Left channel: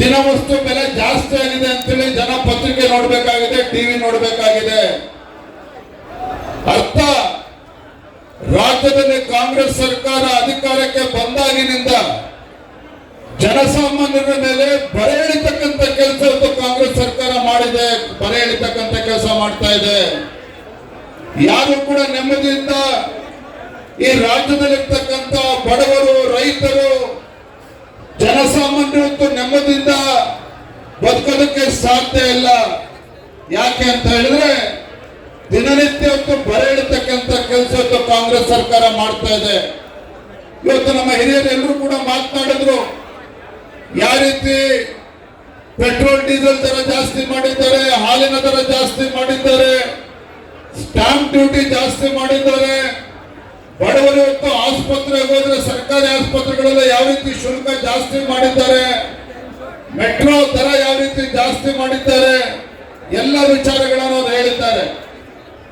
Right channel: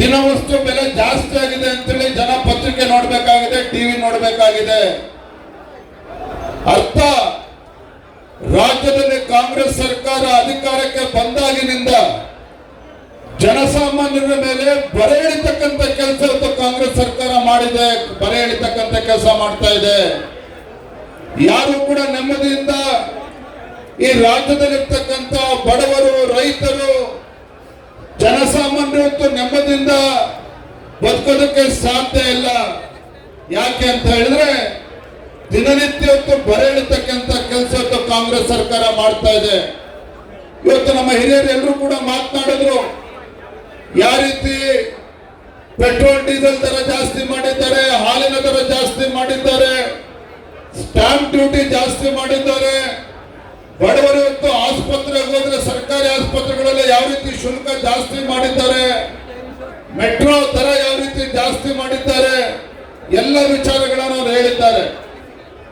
ದಿನವಸ್ತು ಬೆಲೆ ಜಾಸ್ತಿ ಆಗಿದೆ ಅಂತೇಳಿ ಜನ ಪತ್ರಿಕೆ ನೋಡ್ಬೇಕಾಗಿದೆ, ಟಿವಿ ನೋಡ್ಬೇಕಾಗಿದೆ. ಅರ್ಥ? ರಾಜ್ಯದಲ್ಲಿ ಕಾಂಗ್ರೆಸ್ ಸರ್ಕಾರ ಅಧಿಕಾರಕ್ಕೆ ಬಂದಾಗಿನಿಂದ ಜನಸಾಮಾನ್ಯರ ಮೇಲೆ ಬರೆ ಎಳಿತಕ್ಕಂಥ ಕೆಲಸ ಕಾಂಗ್ರೆಸ್ ಸರ್ಕಾರ ಮಾಡಿದೆ, ಬರೆ ಎಳಿತಕ್ಕಂಥ ಕೆಲಸ ಮಾಡ್ತಾ ಇದೆ. ಯಾರು ಕೂಡ ನೆಮ್ಮದಿಯಿಂದ ಈ ರಾಜ್ಯದಲ್ಲಿರ್ತಕ್ಕಂಥ ಬಡವರು, ರೈತರು ಇವತ್ತು ನೆಮ್ಮದಿಯಿಂದ ಬದುಕೋದಕ್ಕೆ ಸಾಧ್ಯ ಇಲ್ಲ. ಯಾಕೆ ಅಂತ ಹೇಳಿದ್ರೆ ದಿನನಿತ್ಯ ಬರ ಇಳಿತಕ್ಕಂಥ ಕೆಲಸ ಕಾಂಗ್ರೆಸ್ ಸರ್ಕಾರ ಮಾಡ್ತಾ ಇದೆ. ಇವತ್ತು ನಮ್ಮ ಹಿರಿಯರು ಎಲ್ಲರೂ ಕೂಡ ಮಾತನಾಡಿದ್ರು, ಯಾವ ರೀತಿ ಪೆಟ್ರೋಲ್, ಡೀಸೆಲ್ ದರ ಜಾಸ್ತಿ ಮಾಡಿದ್ದಾರೆ, ಹಾಲಿನ ದರ ಜಾಸ್ತಿ ಮಾಡಿದ್ದಾರೆ, ಸ್ಟಾಂಪ್ ಡ್ಯೂಟಿ ಜಾಸ್ತಿ ಮಾಡಿದ್ದಾರೆ ಬಡವರು ಆಸ್ಪತ್ರೆ ಹೋದ್ರೆ ಸರ್ಕಾರಿ ಆಸ್ಪತ್ರೆಗಳೆಲ್ಲ ಯಾವ ರೀತಿ ಶುಲ್ಕ ಜಾಸ್ತಿ ಮಾಡಿದ್ದಾರೆ? ಮೆಟ್ರೋ ದರ ಯಾವ ರೀತಿ ಜಾಸ್ತಿ ಮಾಡಿದ್ದಾರೆ? ಎಲ್ಲ ವಿಚಾರಗಳನ್ನು ಅವರು ಹೇಳಿದ್ದಾರೆ.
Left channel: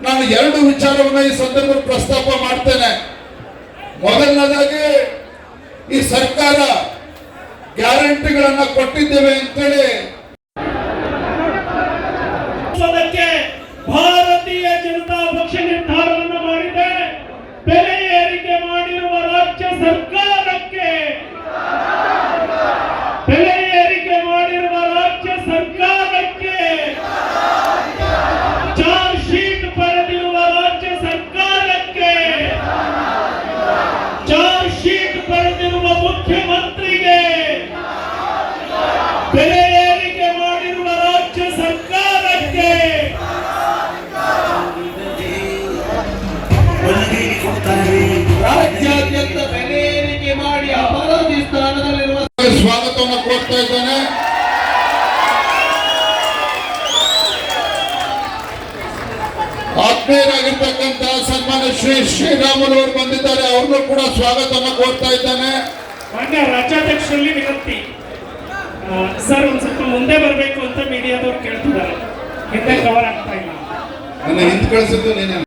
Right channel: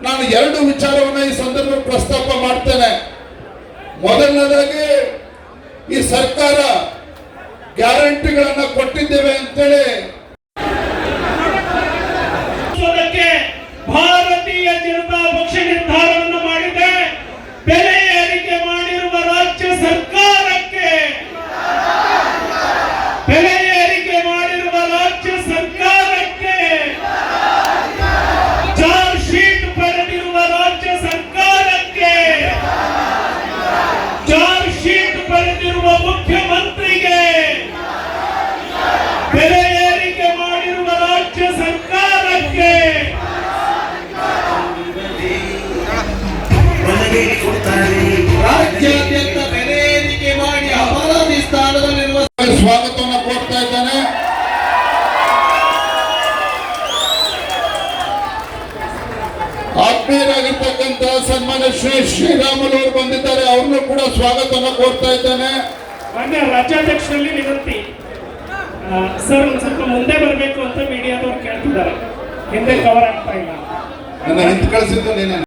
ನಾನು ಎರಡು ವಿಚಾರವನ್ನು ಈ ಸಂದರ್ಭ ಪ್ರಸ್ತಾಪ ಮಾಡ್ತೇನೆ. ಮೊದಲನೇದಾಗಿ, ಈ ಸರ್ಕಾರ ಗ್ಯಾರಂಟಿಗಳನ್ನ ಕೊಟ್ಟಿದ್ದೇವೆ ಅಂತೇಳಿ ಭಾರತೀಯ ಜನತಾ ಇದ್ದಾನೆ ಆತ್ಮೀಯರಾಗಿರ್ತಕ್ಕಂಥ ಸನ್ಮಾನ ಶ್ರೀ ಶ್ರೀರಾಮುಲು ಅವರು ಬಂದಿದ್ದಾರೆ. ಅವ್ರನ್ನೂ ಕೂಡ ಸ್ವಾಗತವನ್ನು ಕೋರ್ತಾ ಇದ್ದಾನೆ. ಮಾನ್ಯ ರಾಜ್ಯಾಧ್ಯಕ್ಷರಲ್ಲಿ ವಿನಂತಿ ಸರ್ ಒಂದ್ ಸ್ವಲ್ಪ ಮುಂದೆ ಬರಬೇಕು ಅಂತ ಮೀಡಿಯಾದವ್ರು ಕೇಳ್ತಿದ್ದಾರೆ. ಹಿಂದೆ ಕವರ್ ಆಗ್ತಾ ಇಲ್ಲ ನನ್ನ ಹಿಂದೆ ಕಳಿಸಿದ್ದು ನೀನೆ.